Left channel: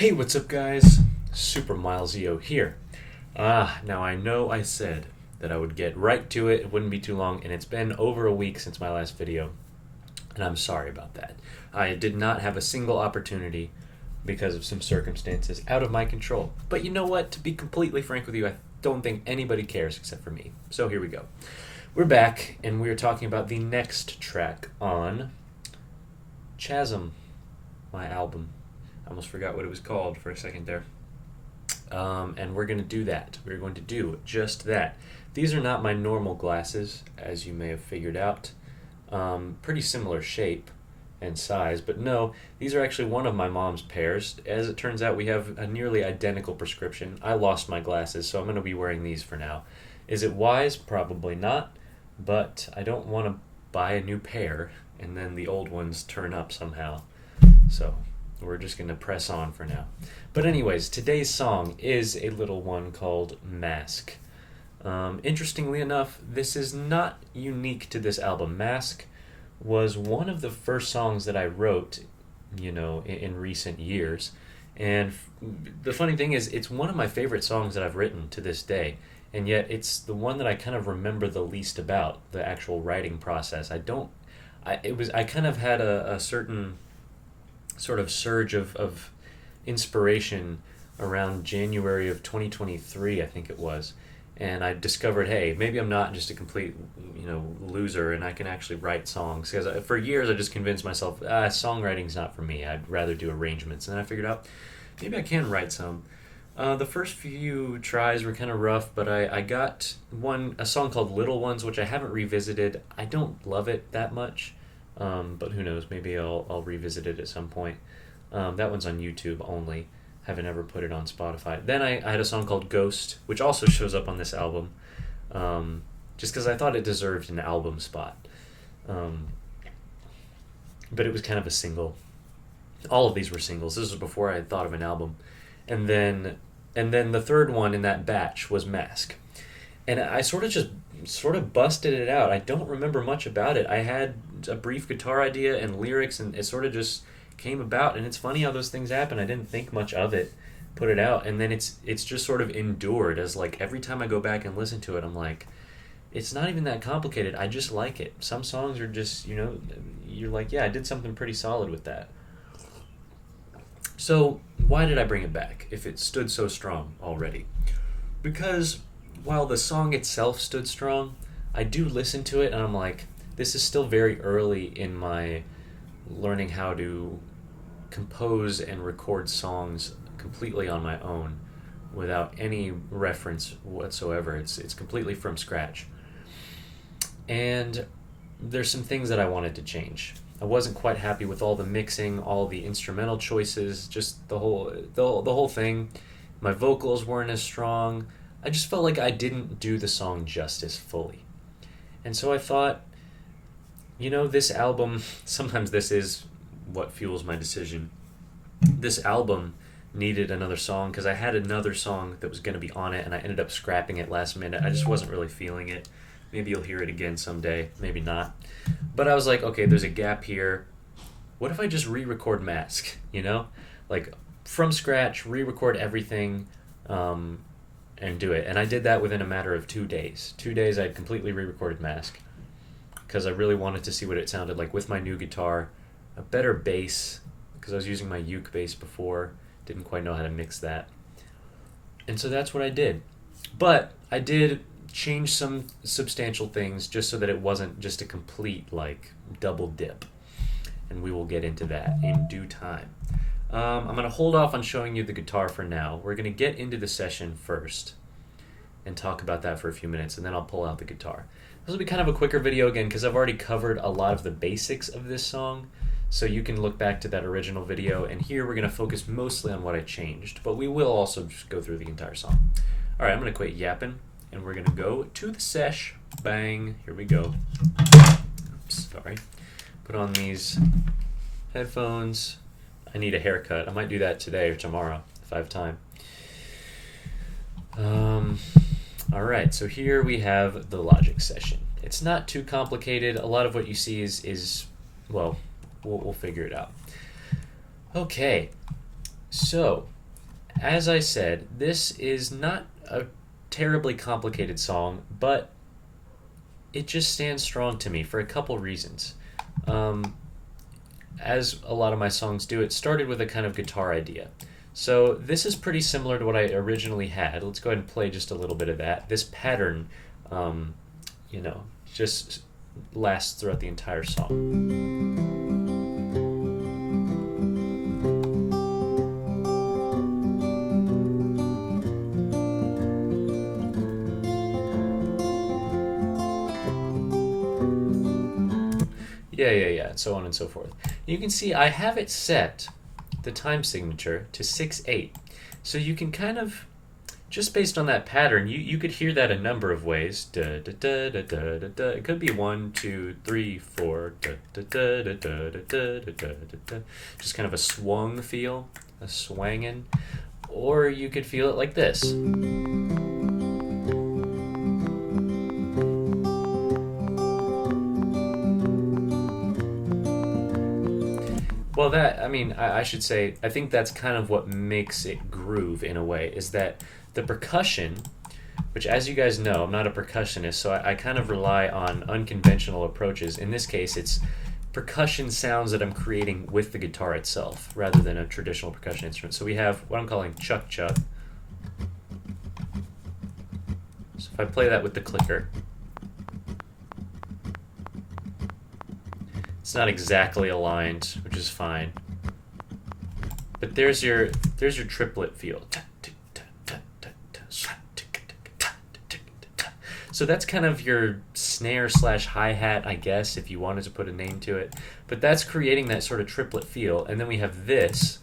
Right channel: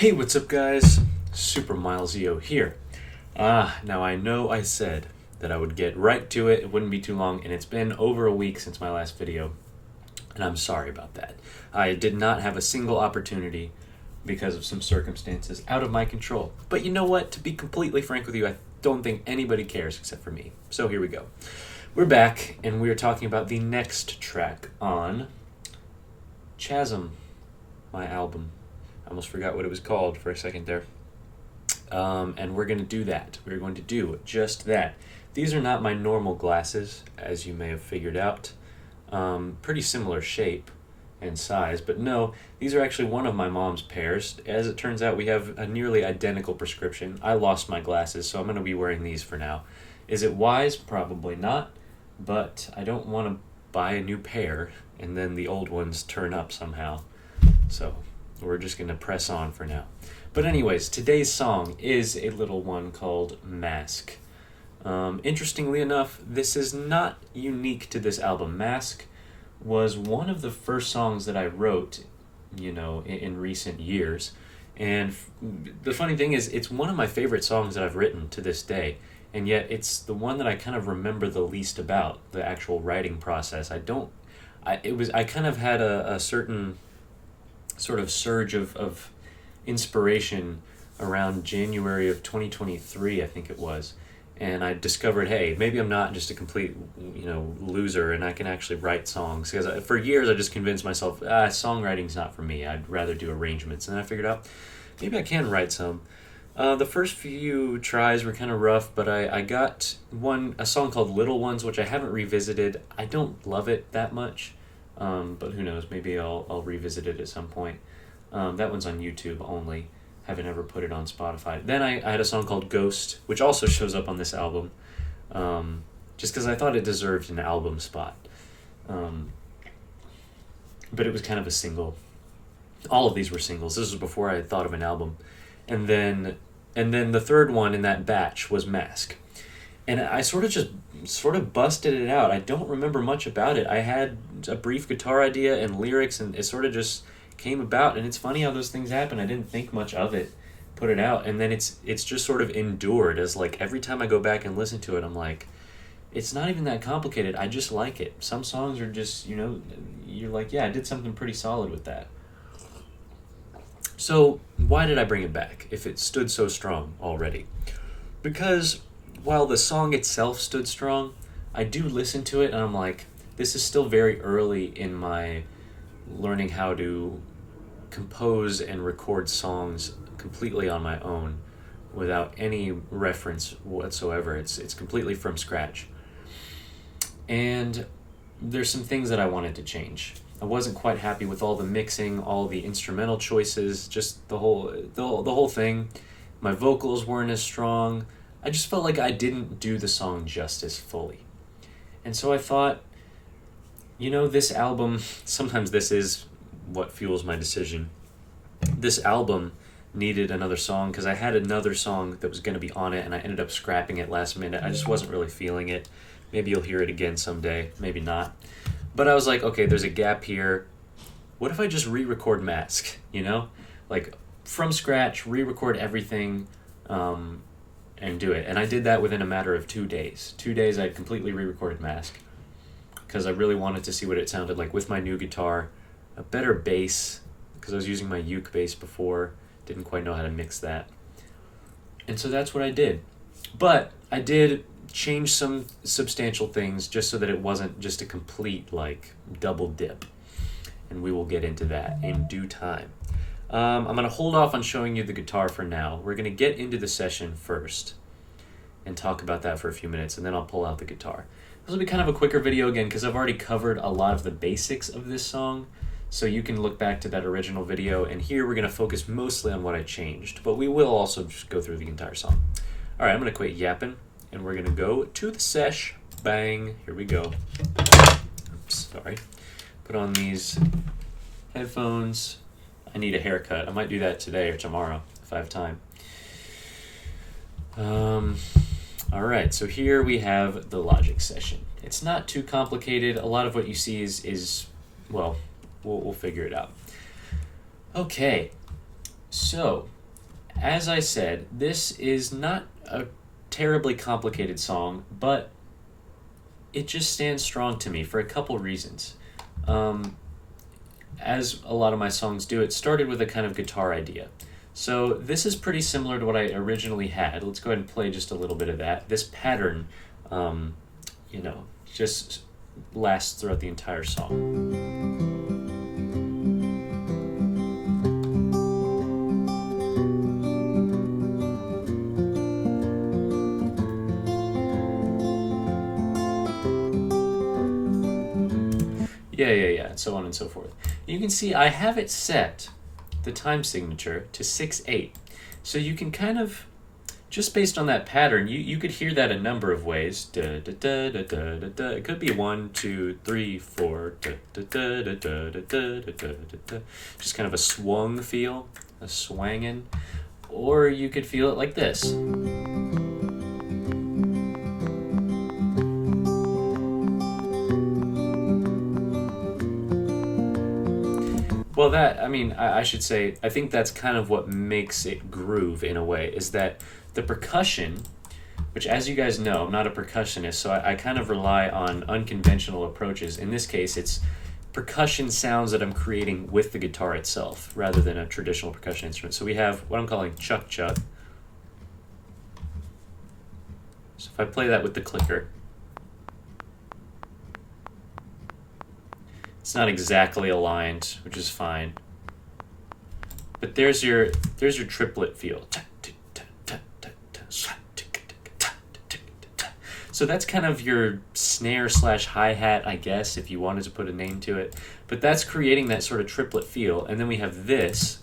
Hey, what's up, guys? Super Milesio here. Now I know I said that I would get right to it, it wouldn't be too long, and it's been over a week since my last video, and I'm sorry about that. I did not have a single opportunity because of some circumstances out of my control. But you know what? To be completely frank with you, I don't think anybody cares except for me. So here we go. We're back, and we are talking about the next track on Chasm, my album. I almost forgot what it was called for a second there. And we're going to do that. We're going to do just that. These are not my normal glasses, as you may have figured out. Pretty similar shape and size, but no, these are actually one of my mom's pairs. As it turns out, we have a nearly identical prescription. I lost my glasses, so I'm going to be wearing these for now. Is it wise? Probably not, but I don't want to buy a new pair and then the old ones turn up somehow. So we're just going to press on for now. But anyways, today's song is a little one called Mask. Interestingly enough, this is not unique to this album. Mask was one of the first songs that I wrote, in recent years. And the funny thing is, it's one of my favorite songs that I've written to this day. And yet it's the one that I kind of remember the least about, the actual writing process. I kind of had a certain sort of surge of inspiration around January of 2023, I think it was. And I discovered, hey, maybe I'm not just a complete, loser, and I can actually write songs. Because for years I just convinced myself, songwriting's not for me. I'd rather do arrangements. And then I figured out, maybe I can write some. The first few tries were kind of rough, but I got a song called Little Ones, which I haven't revisited. I don't love it that much. But who knows, maybe I'll revisit it at some point. That one's on YouTube only. Haven't ever put it on Spotify. Then I had a song called Ghost, which also shows up on this album, just because I thought it deserved an album spot. But it was kind of a single. All of these were singles. This was before I had thought of an album. And then the third one in that batch was Mask. And I sort of busted it out. I don't remember much about it. I had a brief guitar idea and lyrics, and it sort of just came about. And it's funny how those things happen. I didn't think much of it, put it out, and then it's just sort of endured as, like, every time I go back and listen to it, I'm like, it's not even that complicated. I just like it. Some songs are just, you're like, yeah, I did something pretty solid with that. So why did I bring it back if it stood so strong already? Because while the song itself stood strong, I do listen to it and I'm like, this is still very early in my learning how to compose and record songs completely on my own without any reference whatsoever. It's completely from scratch. And there's some things that I wanted to change. I wasn't quite happy with all the mixing, all the instrumental choices, just the whole thing. My vocals weren't as strong. I just felt like I didn't do the song justice fully. And so I thought, this album, sometimes this is what fuels my decision. This album needed another song because I had another song that was going to be on it and I ended up scrapping it last minute. I just wasn't really feeling it. Maybe you'll hear it again someday, maybe not. But I was like, okay, there's a gap here. What if I just re-record Mask, Like, from scratch, re-record everything, and do it. And I did that within a matter of 2 days. 2 days I completely re-recorded Mask because I really wanted to see what it sounded like with my new guitar, a better bass, because I was using my uke bass before, didn't quite know how to mix that. And so that's what I did. But I did change some substantial things just so that it wasn't just a complete, double dip. And we will get into that in due time. I'm going to hold off on showing you the guitar for now. We're going to get into the session first and talk about that for a few minutes, and then I'll pull out the guitar. This will be kind of a quicker video again because I've already covered a lot of the basics of this song, so you can look back to that original video, and here we're going to focus mostly on what I changed, but we will also just go through the entire song. All right, I'm going to quit yapping, and we're going to go to the sesh. Bang. Here we go. Oops, sorry. Put on these headphones. I need a haircut. I might do that today or tomorrow if I have time. All right, so here we have the Logic session. It's not too complicated. A lot of what you see is we'll figure it out. Okay, So, as I said, this is not a terribly complicated song, but it just stands strong to me for a couple reasons. Um, as a lot of my songs do, it started with a kind of guitar idea. So this is pretty similar to what I originally had. Let's go ahead and play just a little bit of that. This pattern, um, just lasts throughout the entire song. Yeah, and so on and so forth. You can see I have it set, the time signature, to 6/8. So you can kind of, just based on that pattern, you could hear that a number of ways. Da, da, da, da, da, da, da. It could be 1, 2, 3, 4. Da, da, da, da, da, da, da, da, da, da. Just kind of a swung feel, a swangin'. Or you could feel it like this. Well, I should say, I think that's kind of what makes it groove in a way, is that the percussion, which, as you guys know, I'm not a percussionist, so I kind of rely on unconventional approaches. In this case, it's percussion sounds that I'm creating with the guitar itself, rather than a traditional percussion instrument. So we have what I'm calling chuck chuck. So if I play that with the clicker, it's not exactly aligned, which is fine. But there's your triplet feel. So that's kind of your snare / hi-hat, I guess, if you wanted to put a name to it. But that's creating that sort of triplet feel. And then we have this.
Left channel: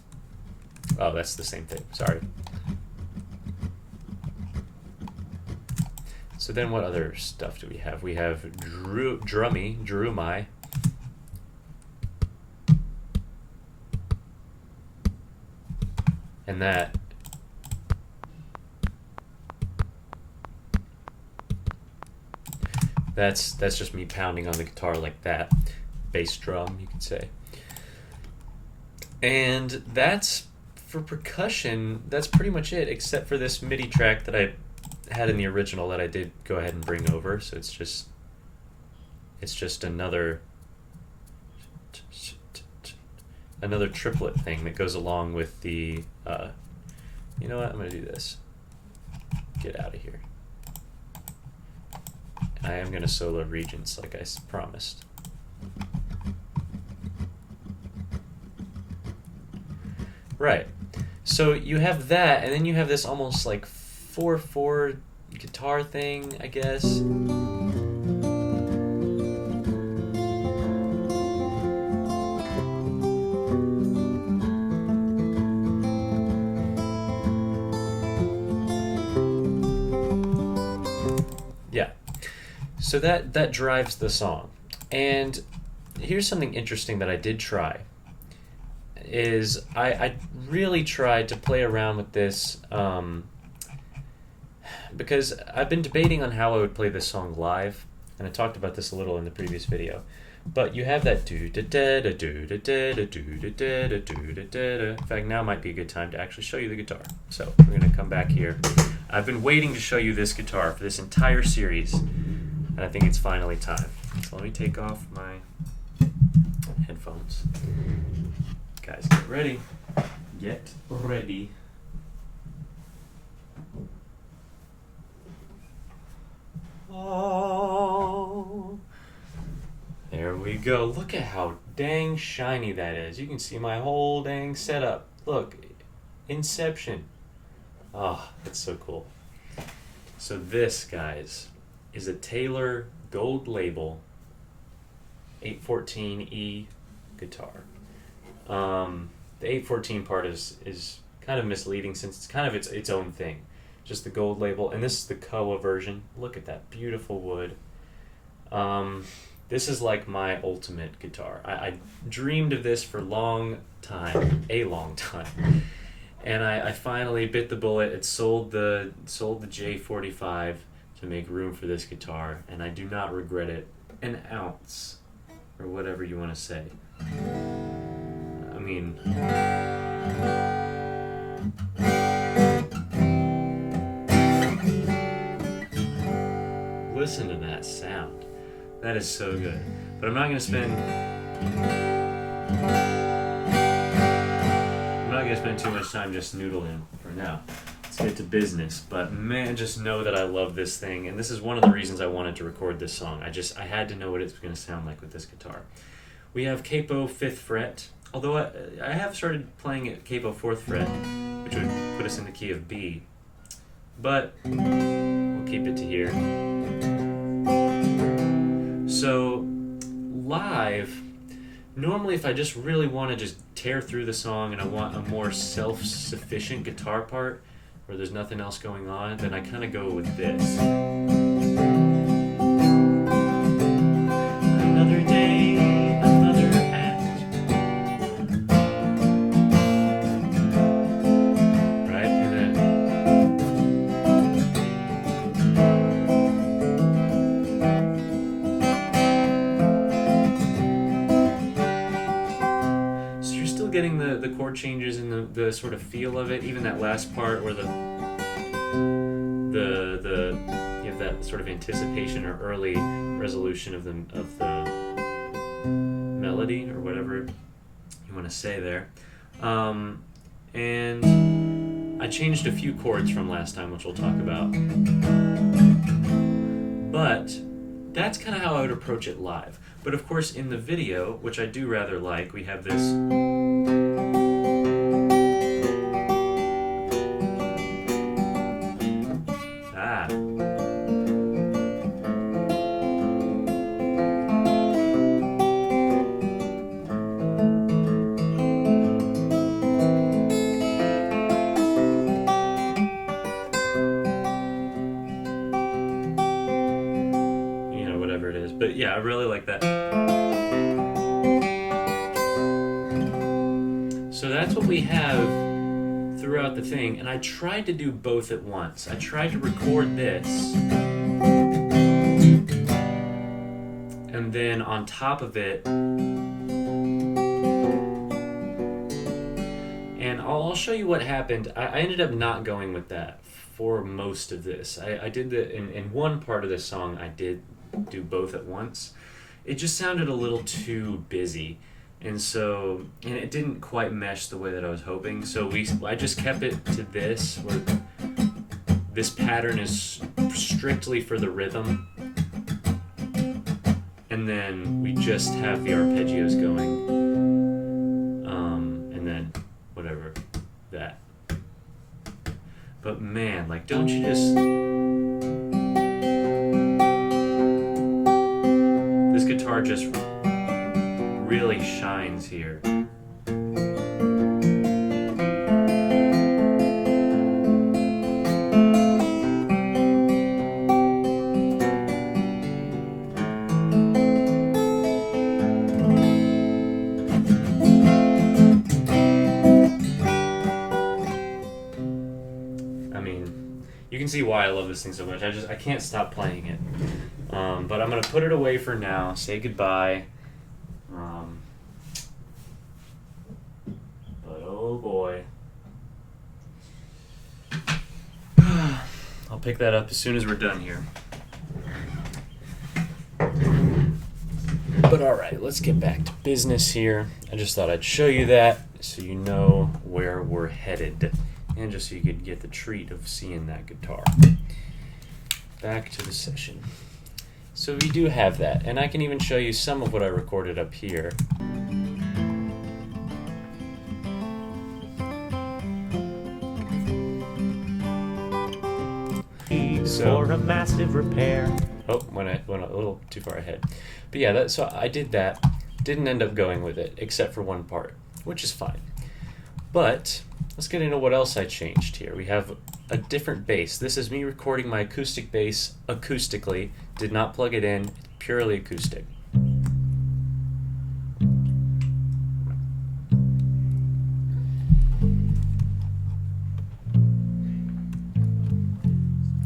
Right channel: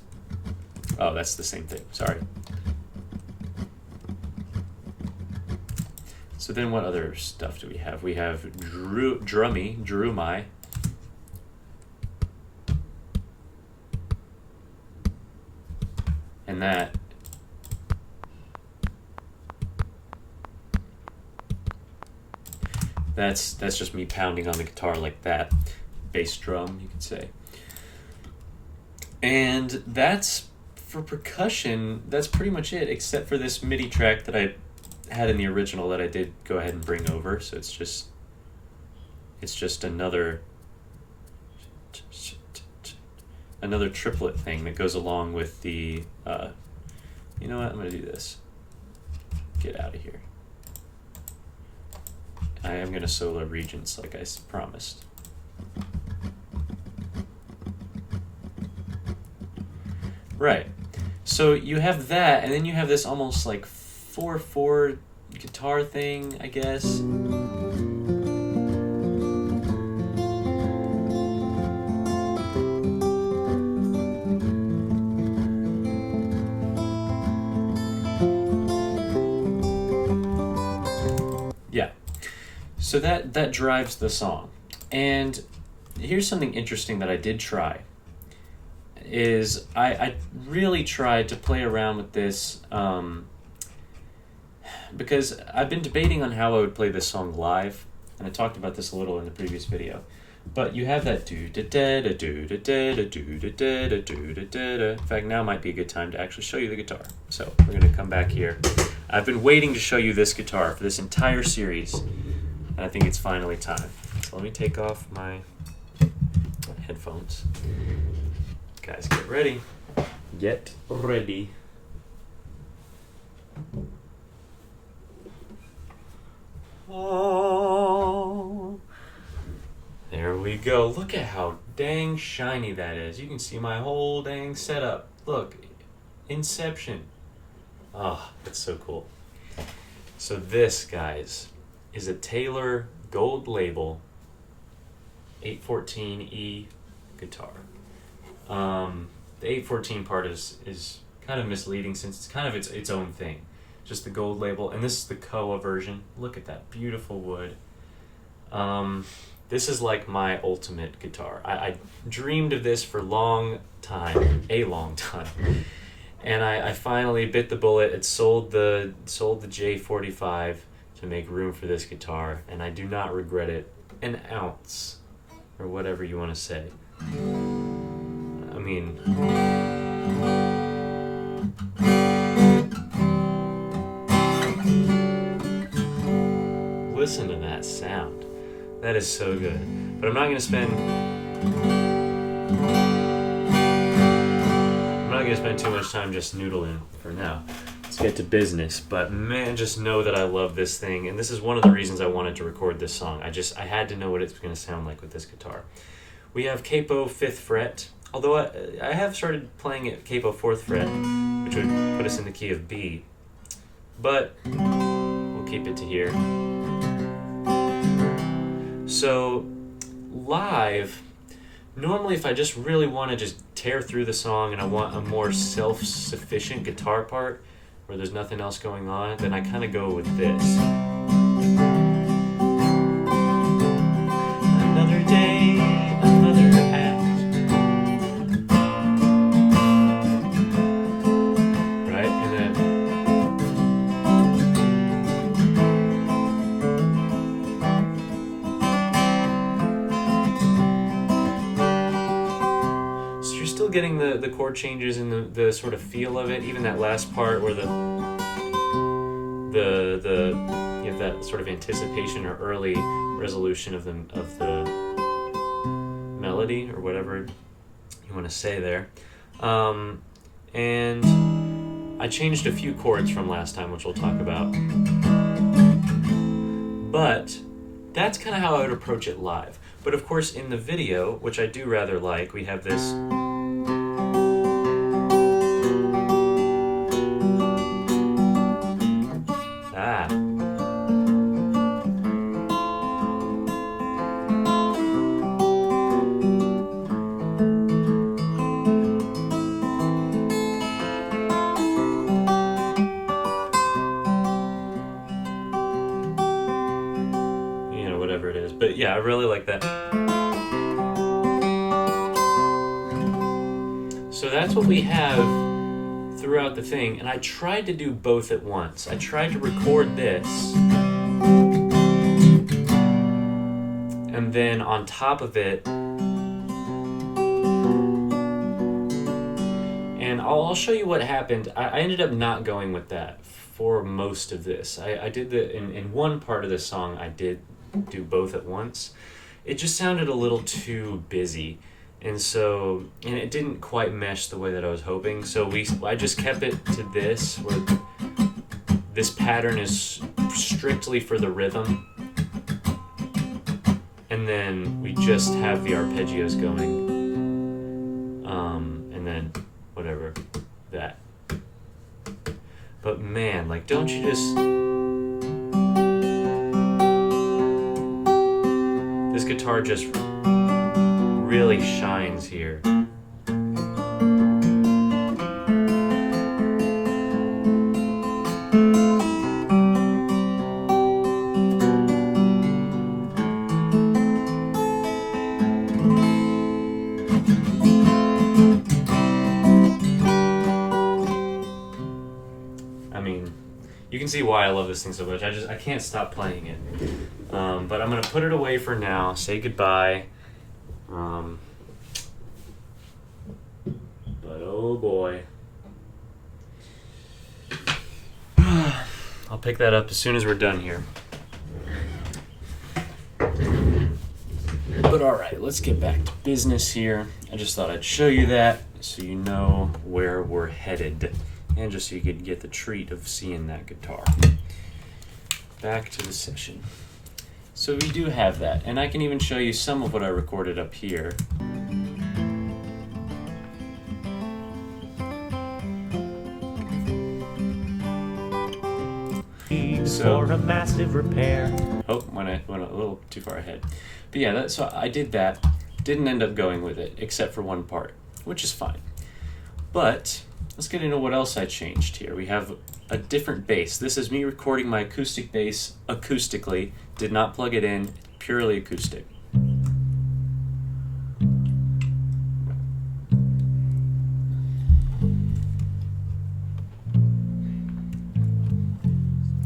Oh, that's the same thing. Sorry. So then what other stuff do we have? We have drummy. And that's just me pounding on the guitar like that. Bass drum, you could say. And that's, for percussion, that's pretty much it, except for this MIDI track that I had in the original that I did go ahead and bring over. So it's just another triplet thing that goes along with the, you know what, I'm going to do this. Get out of here. I am going to solo Regents like I promised. Right. So you have that, and then you have this almost like 4/4 guitar thing, I guess. Yeah. So that drives the song. And here's something interesting that I did try. Is I really tried to play around with this because I've been debating on how I would play this song live, and I talked about this a little in the previous video. But you have that do da da da do da da da do da da da do da da da. In fact, now might be a good time to actually show you the guitar. So we're gonna come back here. I've been waiting to show you this guitar for this entire series, and I think it's finally time. So let me take off my headphones. Guys, get ready. Get ready. Oh, there we go. Look at how dang shiny that is. You can see my whole dang setup. Look, Inception. Oh, that's so cool. So this, guys, is a Taylor Gold Label 814E guitar. The 814 part is kind of misleading since it's kind of its own thing. Just the gold label, and this is the Koa version. Look at that beautiful wood. This is like my ultimate guitar. I dreamed of this for a long time, and I finally bit the bullet. It sold the J45 to make room for this guitar, and I do not regret it an ounce, or whatever you want to say. I mean, Listen to that sound. That is so good. But I'm not gonna spend too much time just noodling for now. Let's get to business. But man, just know that I love this thing, and this is one of the reasons I wanted to record this song. I had to know what it's gonna sound like with this guitar. We have capo 5th fret, although I have started playing at capo 4th fret, which would put us in the key of B, but we'll keep it to here. So live, normally if I just really want to just tear through the song and I want a more self-sufficient guitar part where there's nothing else going on, then I kind of go with this. Another day, another act. Right? And then so you're still getting the chord changes and the sort of feel of it, even that last part where you have that sort of anticipation or early resolution of the melody or whatever you want to say there. And I changed a few chords from last time, which we'll talk about. But that's kind of how I would approach it live. But of course in the video, which I do rather like, we have this whatever it is. But yeah, I really like that. So that's what we have throughout the thing, and I tried to do both at once. I tried to record this, and then on top of it, and I'll show you what happened. I ended up not going with that for most of this. I did in one part of this song, I did do both at once. It just sounded a little too busy, and it didn't quite mesh the way that I was hoping. So I just kept it to this, where this pattern is strictly for the rhythm, and then we just have the arpeggios going, and then whatever that. But man, like, don't you just... This guitar just really shines here. I mean, you can see why I love this thing so much. I can't stop playing it. But I'm going to put it away for now, say goodbye. But oh boy. I'll pick that up as soon as we're done here. But alright, let's get back to business here. I just thought I'd show you that so you know where we're headed, and just so you could get the treat of seeing that guitar. Back to the session. So we do have that, and I can even show you some of what I recorded up here. For a massive repair. Oh, went a little too far ahead. But yeah, so I did that. Didn't end up going with it, except for one part, which is fine. But let's get into what else I changed here. We have a different bass. This is me recording my acoustic bass acoustically. Did not plug it in, purely acoustic.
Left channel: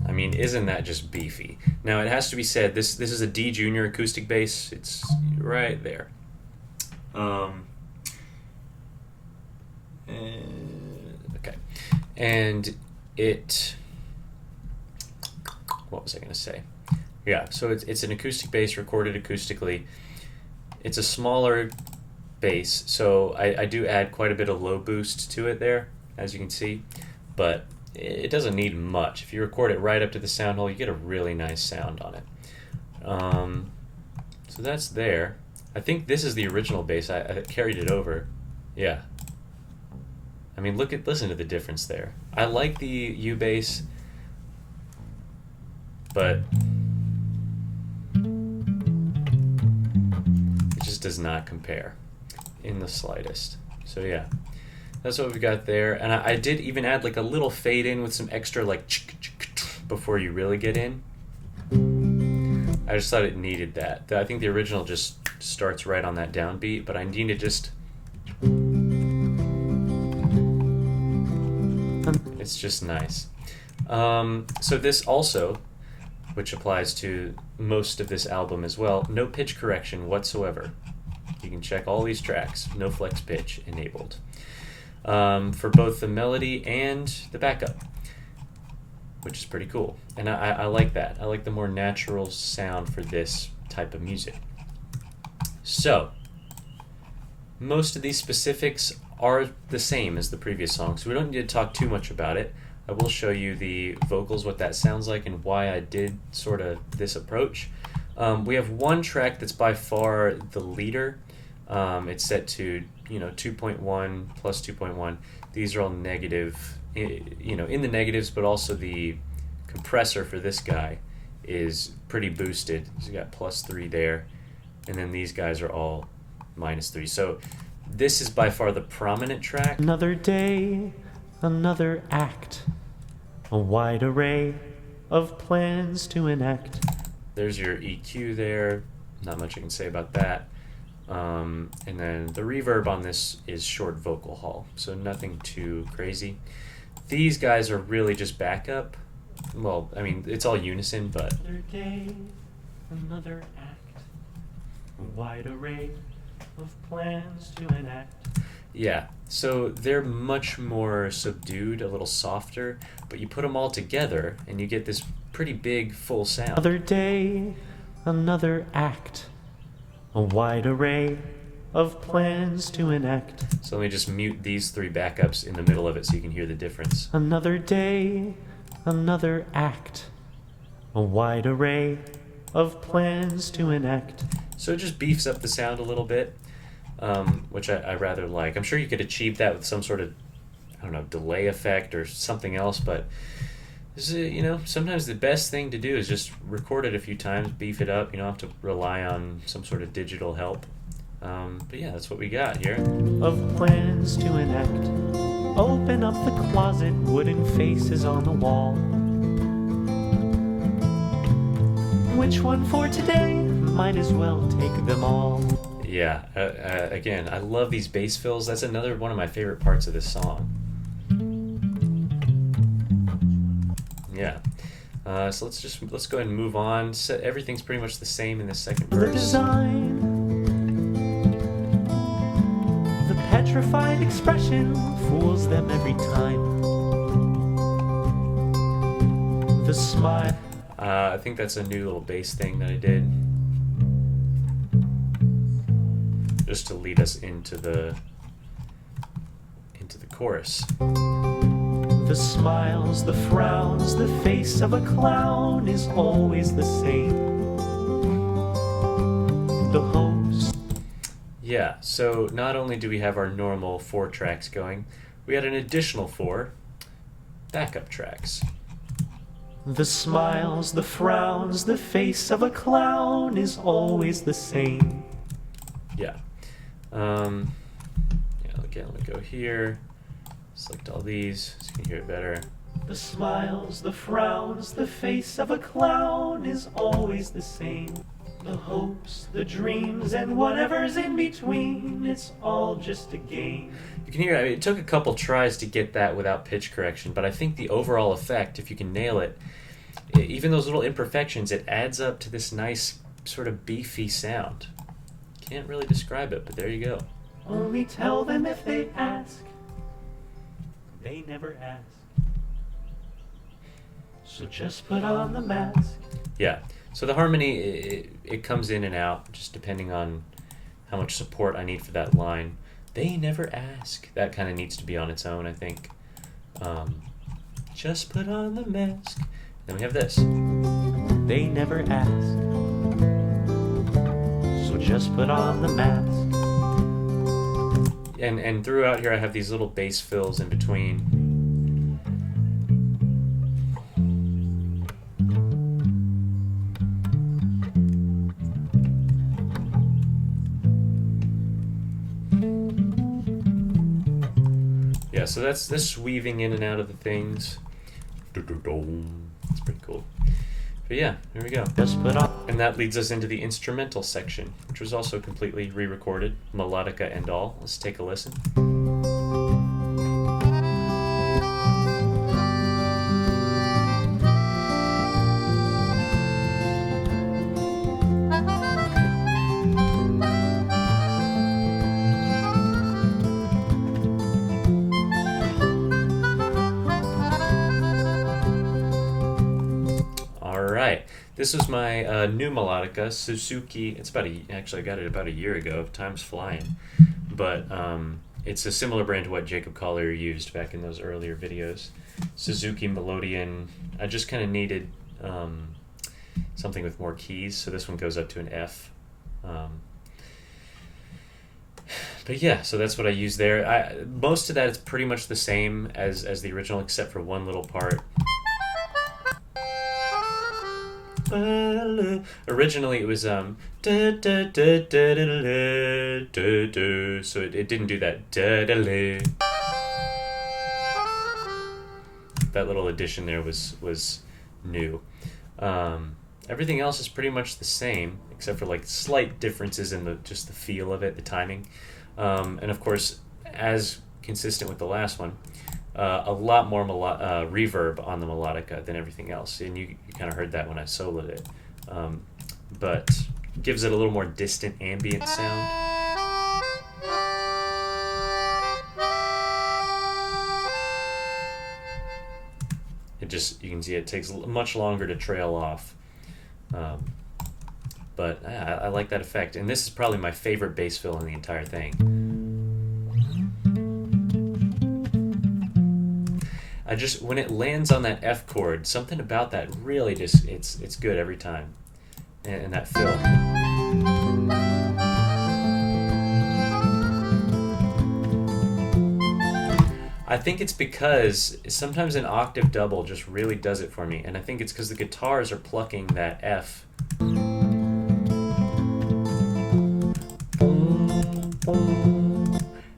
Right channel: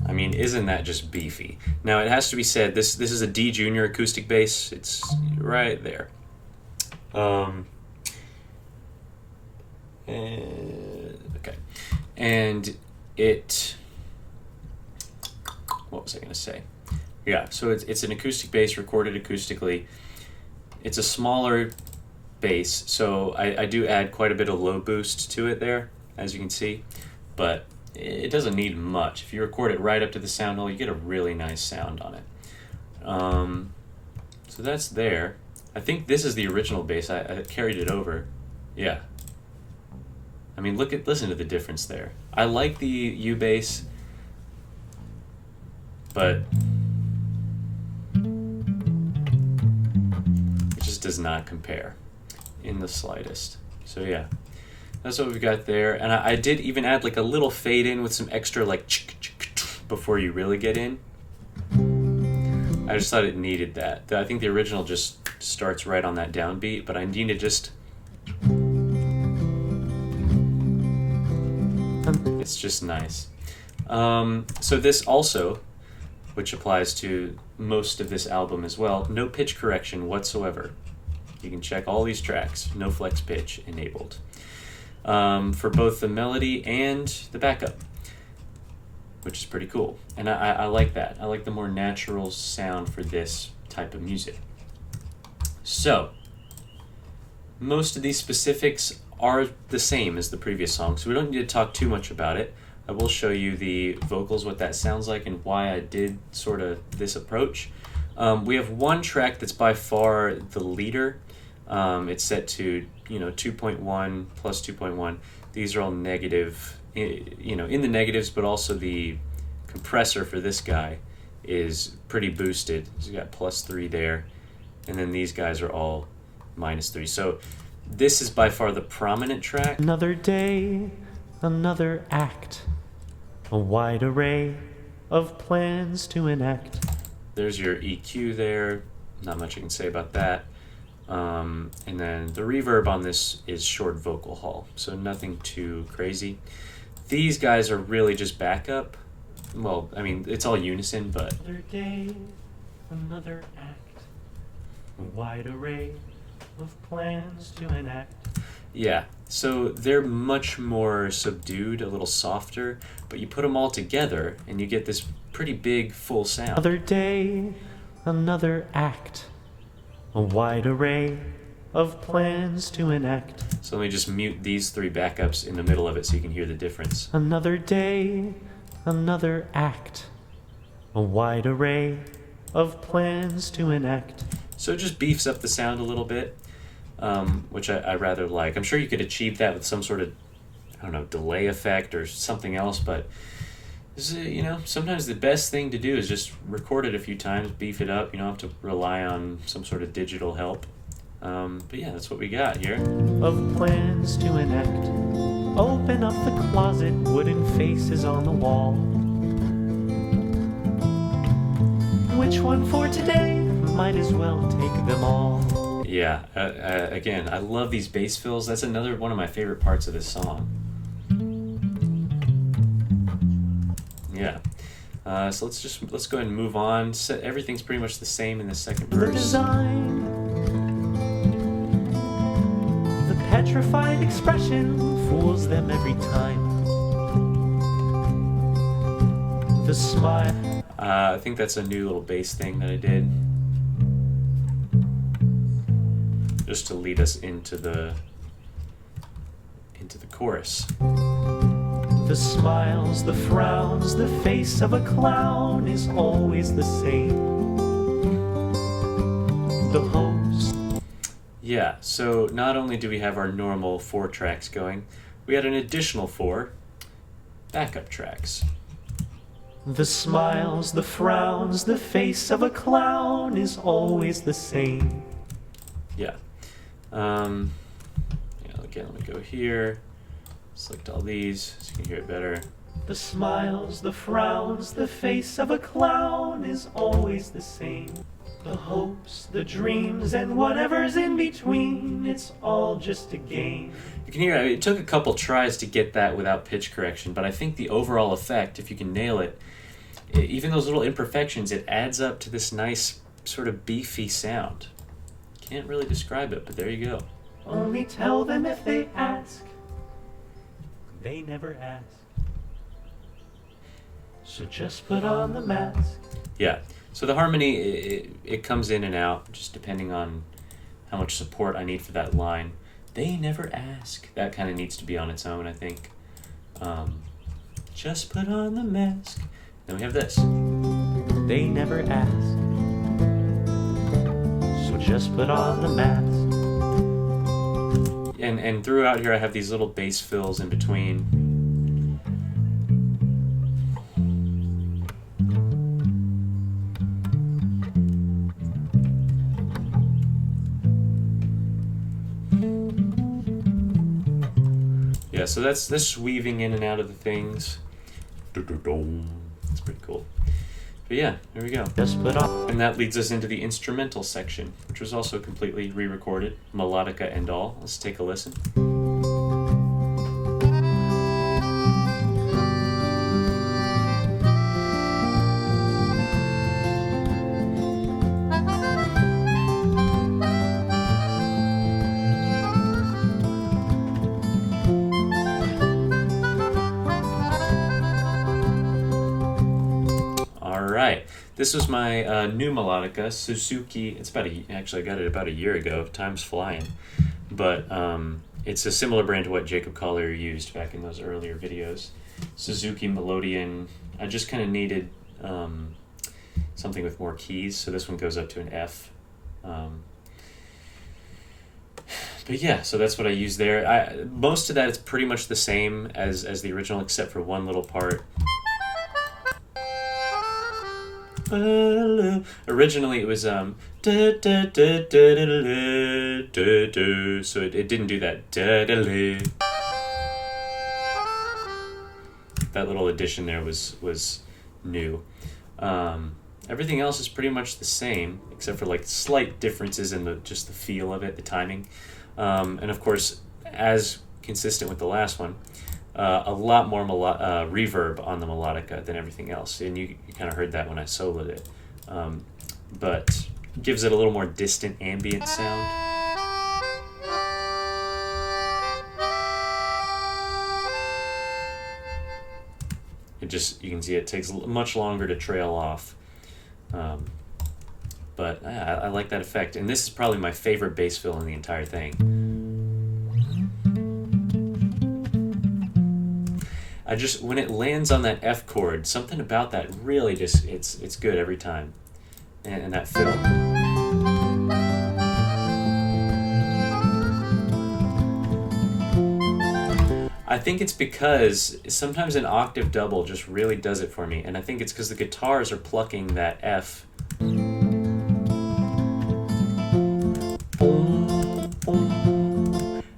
I mean, isn't that just beefy? Now, it has to be said, this is a D junior acoustic bass. It's right there. Okay. And what was I going to say? Yeah, so it's an acoustic bass recorded acoustically. It's a smaller bass, so I do add quite a bit of low boost to it there, as you can see, but it doesn't need much. If you record it right up to the sound hole, you get a really nice sound on it. So that's there. I think this is the original bass. I carried it over. Yeah. I mean, listen to the difference there. I like the U bass, but it just does not compare in the slightest. So yeah, that's what we've got there. And I did even add like a little fade in with some extra like before you really get in. I just thought it needed that. I think the original just starts right on that downbeat, but I need to just... It's just nice. So this also, which applies to most of this album as well, no pitch correction whatsoever. You can check all these tracks, no flex pitch enabled. For both the melody and the backup, which is pretty cool. And I like that. I like the more natural sound for this type of music. So, most of these specifics are the same as the previous song, so we don't need to talk too much about it. I will show you the vocals, what that sounds like, and why I did sort of this approach. We have one track that's by far the leader. It's set to 2.1 plus 2.1. These are all negative, in the negatives, but also the compressor for this guy is pretty boosted. He's got +3 there, and then these guys are all -3. So this is by far the prominent track. Another day, another act, a wide array of plans to enact. There's your EQ there. Not much I can say about that. And then the reverb on this is short vocal hall, so nothing too crazy. These guys are really just backup. Well, I mean, it's all unison, but... Another day, another act, a wide array of plans to enact. Yeah, so they're much more subdued, a little softer, but you put them all together and you get this pretty big, full sound. Another day, another act, a wide array of plans to enact. So let me just mute these 3 backups in the middle of it so you can hear the difference. Another day, another act, a wide array of plans to enact. So it just beefs up the sound a little bit, which I rather like. I'm sure you could achieve that with some sort of, I don't know, delay effect or something else, but this is, sometimes the best thing to do is just record it a few times, beef it up. You don't have to rely on some sort of digital help. But yeah, that's what we got here. Of plans to enact. Open up the closet, wooden faces on the wall. Which one for today? Might as well take them all. Yeah, again, I love these bass fills. That's another one of my favorite parts of this song. Yeah. So let's go ahead and move on. So everything's pretty much the same in the second verse. The design, the petrified expression fools them every time. The smile. I think that's a new little bass thing that I did, just to lead us into the chorus. The smiles, the frowns, the face of a clown is always the same. The host. Yeah, so not only do we have our normal 4 tracks going, we had an additional 4 backup tracks. The smiles, the frowns, the face of a clown is always the same. Yeah. Again, let me go here. Select all these so you can hear it better. The smiles, the frowns, the face of a clown is always the same. The hopes, the dreams, and whatever's in between, it's all just a game. You can hear it took a couple tries to get that without pitch correction, but I think the overall effect, if you can nail it, even those little imperfections, it adds up to this nice sort of beefy sound. Can't really describe it, but there you go. Only tell them if they ask. They never ask. So just put on the mask. Yeah. So the harmony, it comes in and out, just depending on how much support I need for that line. They never ask. That kind of needs to be on its own, I think. Just put on the mask. Then we have this. They never ask. So just put on the mask. And throughout here I have these little bass fills in between. Yeah, so that's this weaving in and out of the things. It's pretty cool. But yeah, there we go. Just put on. And that leads us into the instrumental section, which was also completely re-recorded, melodica and all. Let's take a listen. This was my new melodica, Suzuki. It's actually I got it about a year ago. Time's flying. But it's a similar brand to what Jacob Collier used back in those earlier videos. Suzuki Melodian. I just kind of needed something with more keys, so this one goes up to an F. But yeah, so that's what I use there. Most of that is pretty much the same as the original, except for one little part. Originally it was so it didn't do that. That little addition there was new. Everything else is pretty much the same, except for like slight differences in just the feel of it, the timing, and of course, as consistent with the last one, a lot more reverb on the melodica than everything else, and you kind of heard that when I soloed it, but gives it a little more distant ambient sound. You can see it takes much longer to trail off, but I like that effect, and this is probably my favorite bass fill in the entire thing. When it lands on that F chord, something about that really just, it's good every time. And that fill. I think it's because sometimes an octave double just really does it for me, and I think it's because the guitars are plucking that F. And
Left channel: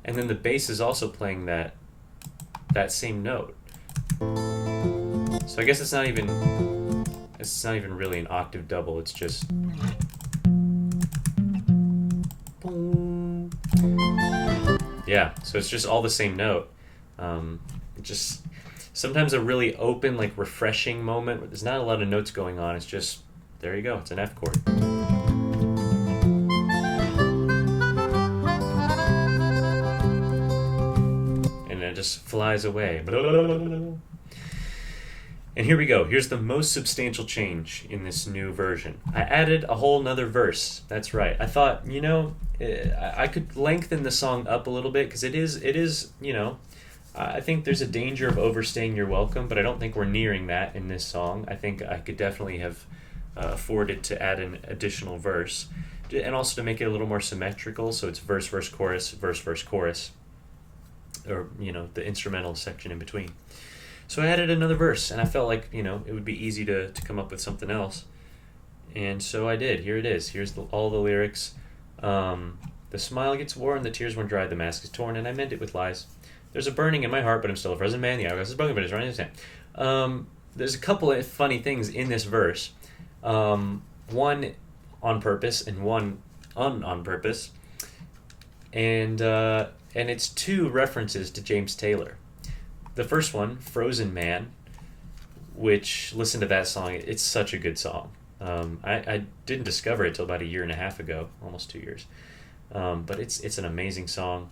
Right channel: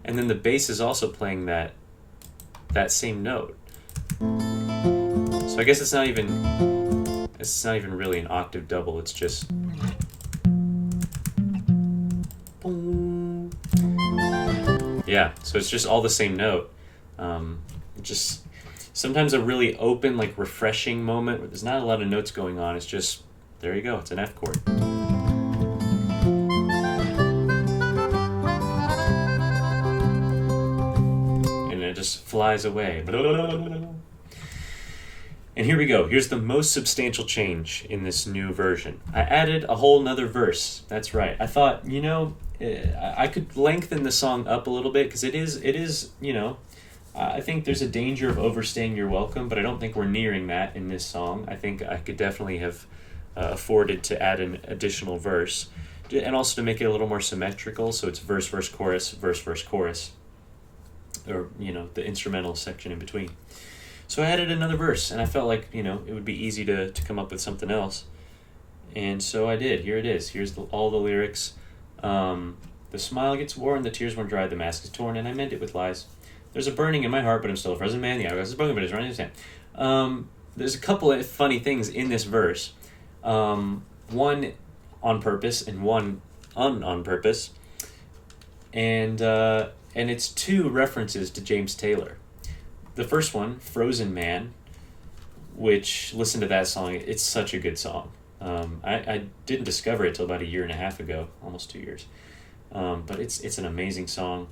then the bass is also playing that same note. So I guess it's not even really an octave double, it's just yeah, so it's just all the same note. Just sometimes a really open, like refreshing moment where there's not a lot of notes going on, it's just, there you go, it's an F chord. And it just flies away. And here we go. Here's the most substantial change in this new version. I added a whole nother verse. That's right. I thought, I could lengthen the song up a little bit, because it is, I think there's a danger of overstaying your welcome, but I don't think we're nearing that in this song. I think I could definitely have afforded to add an additional verse, and also to make it a little more symmetrical, so it's verse, verse, chorus, verse, verse, chorus, or, the instrumental section in between. So I added another verse, and I felt like, it would be easy to come up with something else. And so I did. Here it is. Here's all the lyrics. The smile gets worn, the tears run dry, the mask is torn, and I meant it with lies. There's a burning in my heart, but I'm still a frozen man. The hourglass is broken, but it's running out of time. There's a couple of funny things in this verse. One on purpose and one on purpose. And it's two references to James Taylor. The first one, Frozen Man, which, listen to that song, it's such a good song. I didn't discover it till about a year and a half ago, almost 2 years. But it's an amazing song.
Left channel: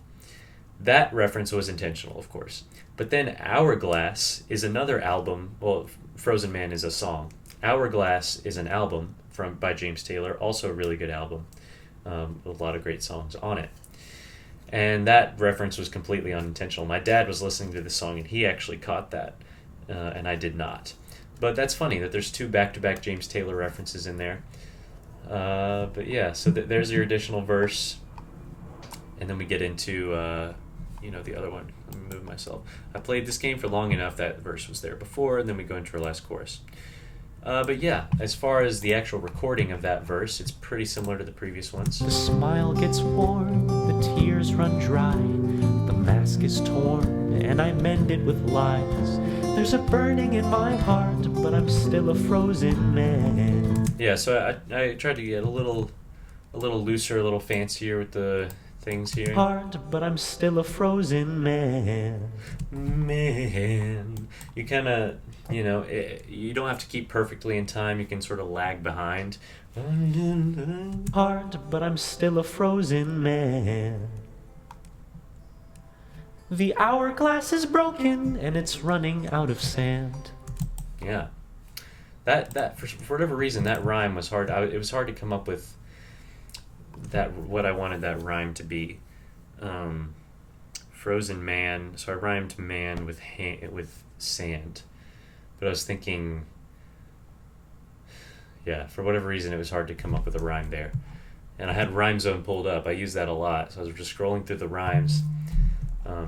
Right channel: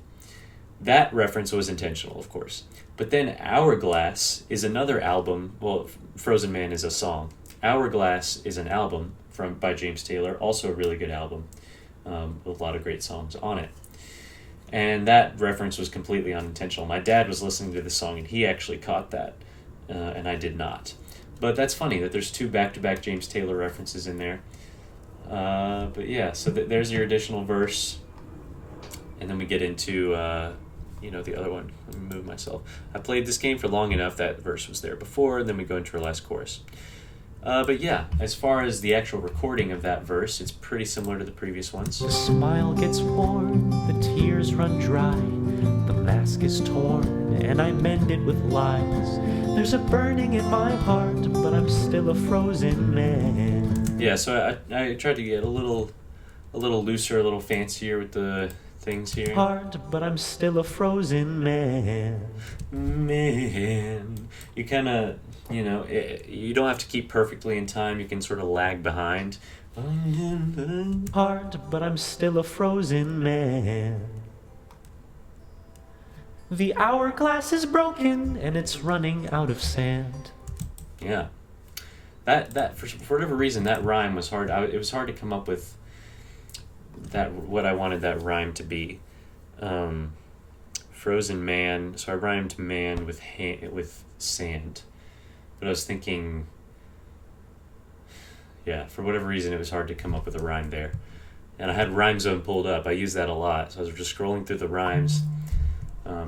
That reference was intentional, of course. But then Hourglass is another album. Well, Frozen Man is a song. Hourglass is an album by James Taylor, also a really good album, with a lot of great songs on it. And that reference was completely unintentional. My dad was listening to the song and he actually caught that, and I did not. But that's funny that there's 2 back-to-back James Taylor references in there. But yeah, so there's your additional verse. And then we get into, the other one. Let me move myself. I played this game for long enough that verse was there before, and then we go into our last chorus. But yeah, as far as the actual recording of that verse, it's pretty similar to the previous ones. The smile gets worn, the tears run dry, the mask is torn, and I mend it with lies. There's a burning in my heart, but I'm still a frozen man. Yeah, so I tried to get a little looser, a little fancier with the things here. Hard, but I'm still a frozen man. Man, you kind of, you don't have to keep perfectly in time. You can sort of lag behind. Hard, but I'm still a frozen man. The hourglass is broken and it's running out of sand. Yeah, that for whatever reason that rhyme was hard. It was hard to come up with what I wanted that rhyme to be. Frozen man. So I rhymed man with sand, but I was thinking, yeah, for whatever reason it was hard to come up with a rhyme there. And I had Rhyme Zone pulled up. I use that a lot, so I was just scrolling through the rhymes.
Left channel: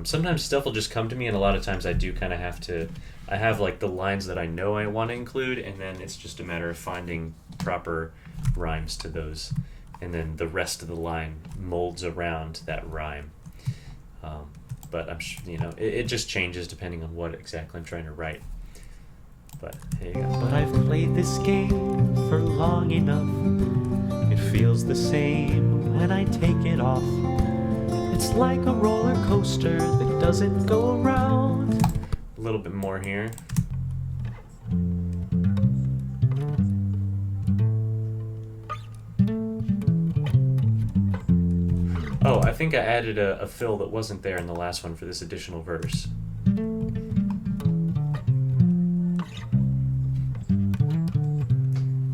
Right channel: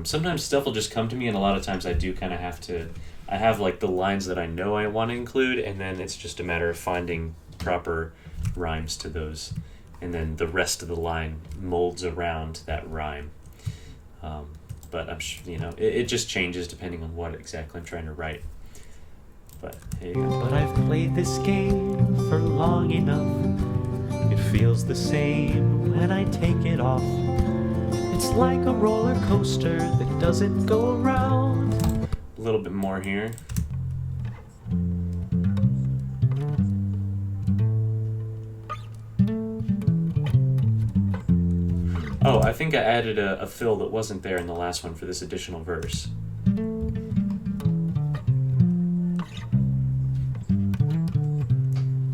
Sometimes stuff will just come to me, and a lot of times I do kind of have to. I have like the lines that I know I want to include, and then it's just a matter of finding proper rhymes to those, and then the rest of the line molds around that rhyme. But I'm sure, it just changes depending on what exactly I'm trying to write. But here you go. But I've played this game for long enough. It feels the same when I take it off. It's like a roller coaster that doesn't go around. A little bit more here. Oh, I think I added a fill that wasn't there in the last one for this additional verse.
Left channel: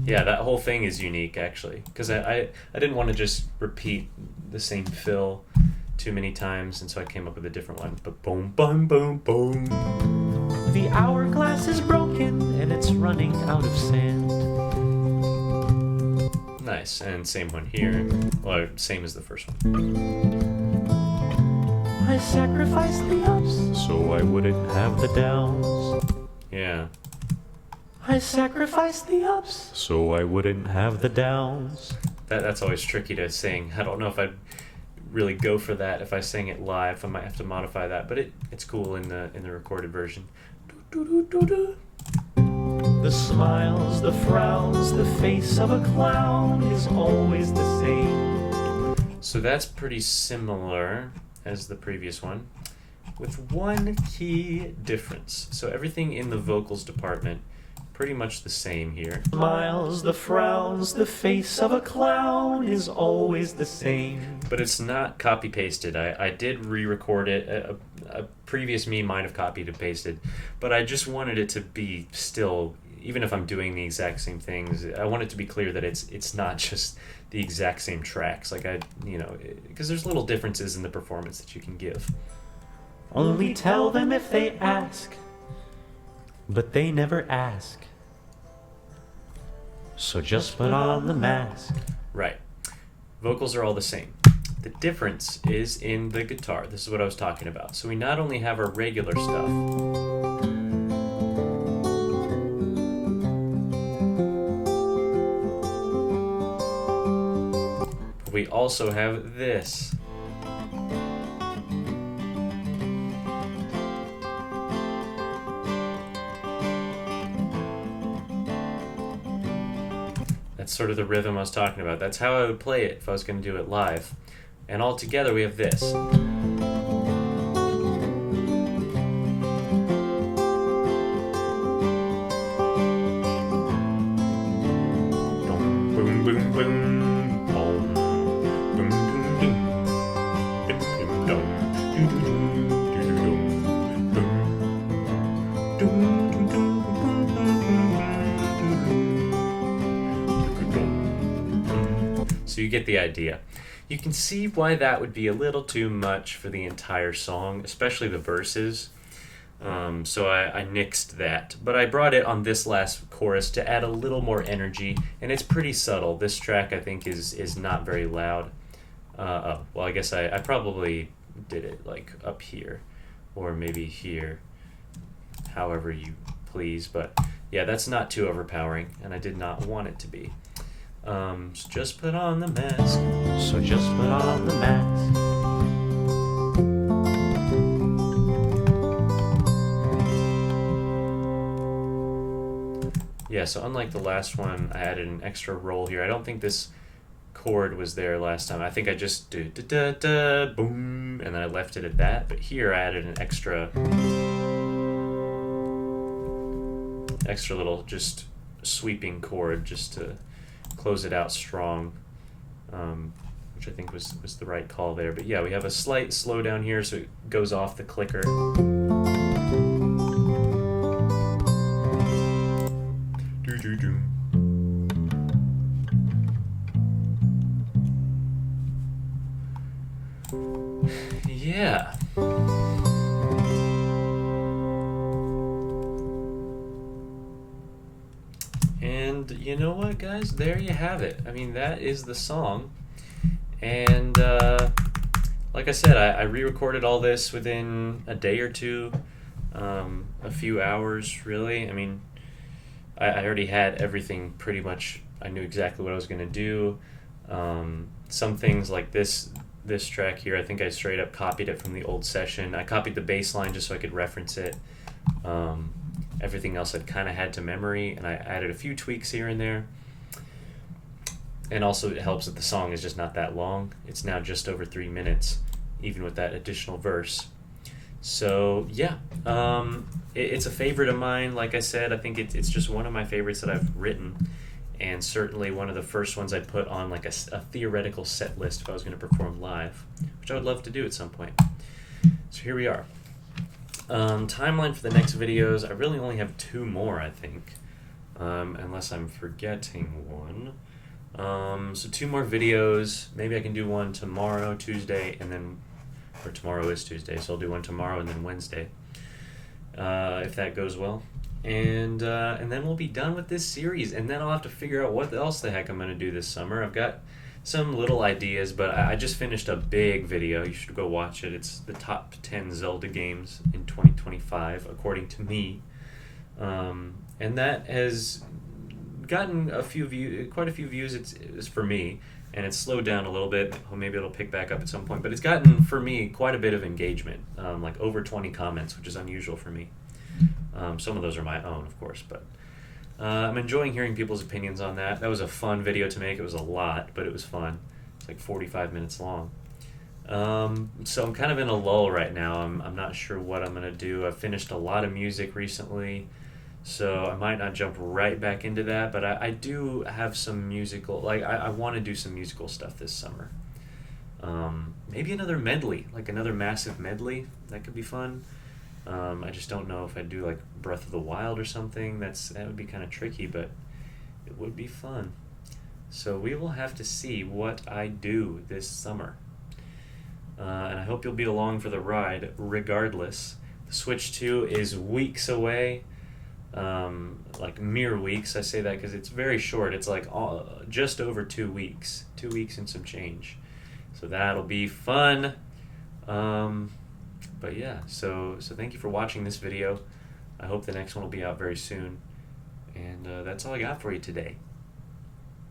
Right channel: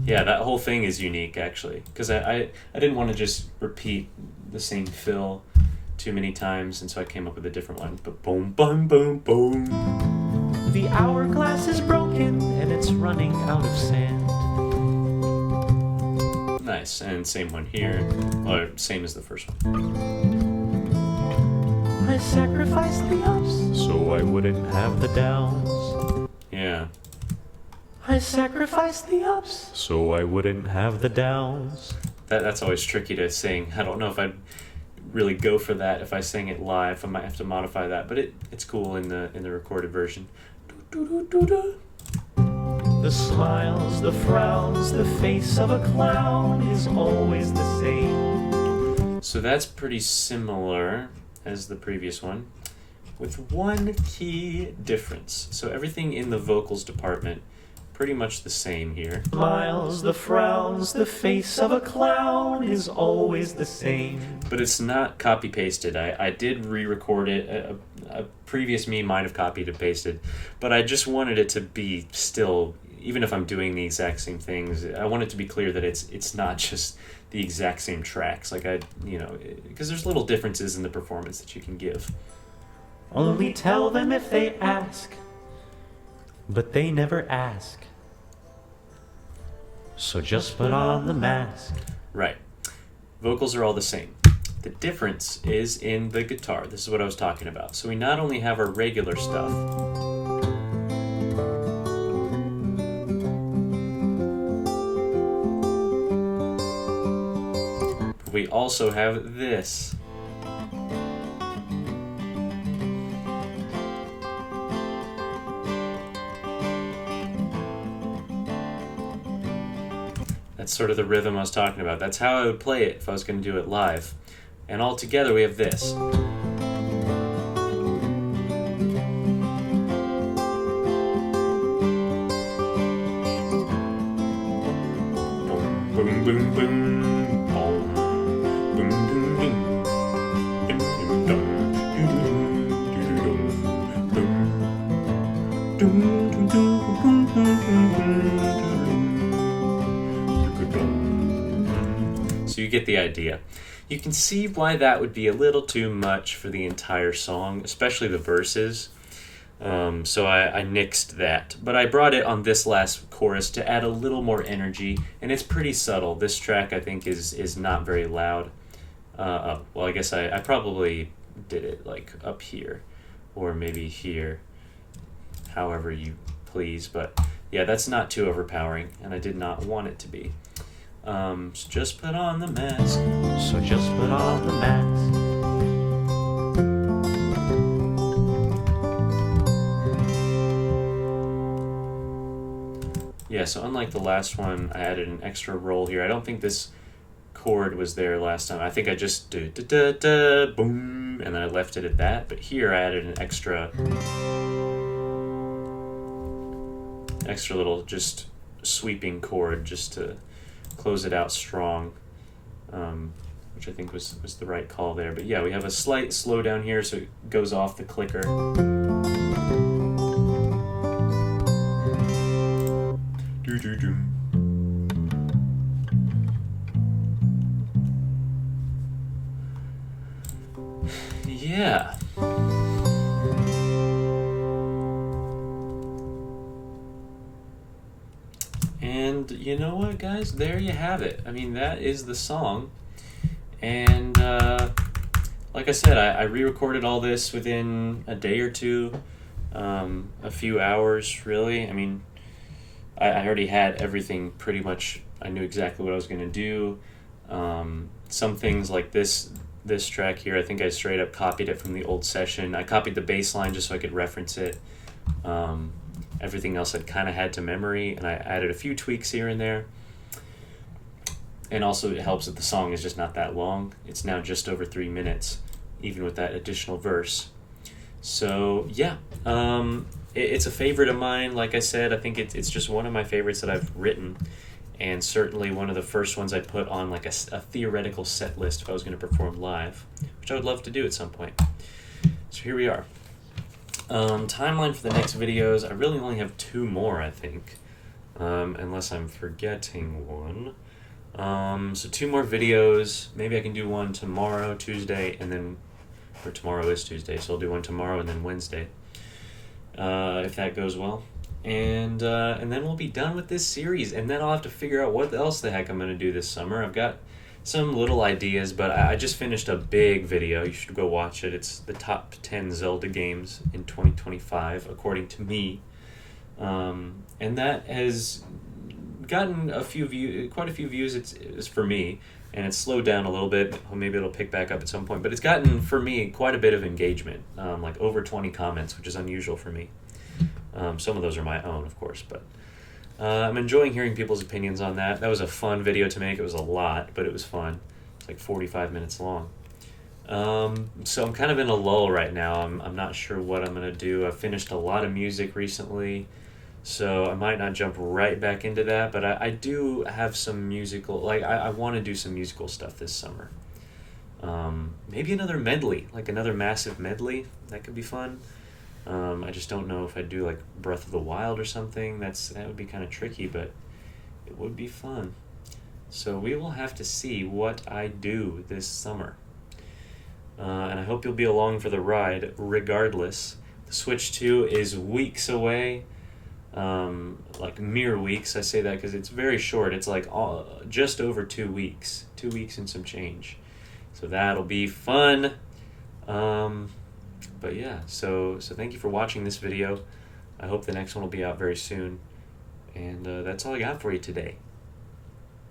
Yeah, that whole thing is unique, actually, because I didn't want to just repeat the same fill too many times, and so I came up with a different one. But boom, boom, boom, boom. The hourglass is broken and it's running out of sand. Nice, and same one here, or same as the first one. I sacrificed the ups so I wouldn't have the downs. Yeah. I sacrificed the ups so I wouldn't have the downs. That's always tricky to sing. I don't know if I'd really go for that if I sang it live. I might have to modify that, but it's cool in the recorded version. The smiles, the frowns, the face of a clown is always the same. So that's pretty similar as the previous one, with one key difference. So everything in the vocals department, pretty much the same here. Smiles, the frowns, the face of a clown is always the same. But it's not copy-pasted. I did re-record it. A previous me might have copied and pasted, but I just wanted it to be still, even if I'm doing the exact same things, I want it to be clear that it's not just the exact same tracks. Like because there's little differences in the performance that you can give. Only tell them if they ask, but they never ask. So just put on the mask. Right. Vocals are all the same. The difference is in the guitar. This is what I was talking about. So we not only have our regular stuff, but we also have this. That's sort of the rhythm I was talking about. That's how I would play it if I was going to do it live. And all together we have this. Boom, boom, boom, boom, boom, boom, boom, boom, boom, boom, boom. So you get the idea. You can see why that would be a little too much for the entire song, especially the verses. So I nixed that. But I brought it on this last chorus to add a little more energy, and it's pretty subtle. This track, I think, is not very loud. Well, I guess I probably did it like up here, or maybe here, however you please. But yeah, that's not too overpowering, and I did not want it to be. So just put on the mask. So just put on the mask. Yeah, so unlike the last one, I added an extra roll here. I don't think this chord was there last time. I think I just do da da da boom, and then I left it at that. But here I added an extra little just sweeping chord just to close it out strong, which I think was the right call there. But yeah, we have a slight slowdown here, so it goes off the clicker. Do-do-do. Yeah. And you know what, guys? There you have it. I mean, that is the song. And like I said, I re-recorded all this within a day or two, a few hours, really. I mean, I already had everything pretty much. I knew exactly what I was going to do. Some things like this track here, I think I straight up copied it from the old session. I copied the bass line just so I could reference it. Everything else I'd kind of had to memory, and I added a few tweaks here and there. And also it helps that the song is just not that long. It's now just over 3 minutes, even with that additional verse. So yeah, it's a favorite of mine. Like I said, I think it's just one of my favorites that I've written, and certainly one of the first ones I put on like a theoretical set list if I was going to perform live, which I would love to do at some point. So here we are. Timeline for the next videos, I really only have 2 more, I think, unless I'm forgetting one. So 2 more videos. Maybe I can do one tomorrow, Tuesday, and then, or tomorrow is Tuesday, so I'll do one tomorrow and then Wednesday, if that goes well. And then we'll be done with this series, and then I'll have to figure out what else the heck I'm going to do this summer. I've got some little ideas, but I just finished a big video. You should go watch it. It's the top 10 Zelda games in 2025, according to me. And that has gotten quite a few views. It's for me, and it's slowed down a little bit. Maybe it'll pick back up at some point, but it's gotten, for me, quite a bit of engagement, like over 20 comments, which is unusual for me. Some of those are my own, of course, but I'm enjoying hearing people's opinions on that. That was a fun video to make. It was a lot, but it was fun. It's like 45 minutes long. So I'm kind of in a lull right now. I'm not sure what I'm going to do. I've finished a lot of music recently, so I might not jump right back into that, but I do have some musical, like I want to do some musical stuff this summer. Maybe another medley, like another massive medley. That could be fun. I just don't know if I'd do like Breath of the Wild or something. That would be kind of tricky, but it would be fun. So we will have to see what I do this summer. And I hope you'll be along for the ride regardless. The Switch 2 is weeks away, like mere weeks. I say that because it's very short. It's like just over 2 weeks. 2 weeks and some change. So that'll be fun. But yeah, so thank you for watching this video. I hope the next one will be out very soon. And that's all I got for you today.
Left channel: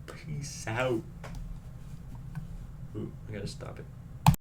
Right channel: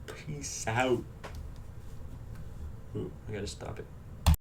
Peace out. Ooh, I gotta stop it.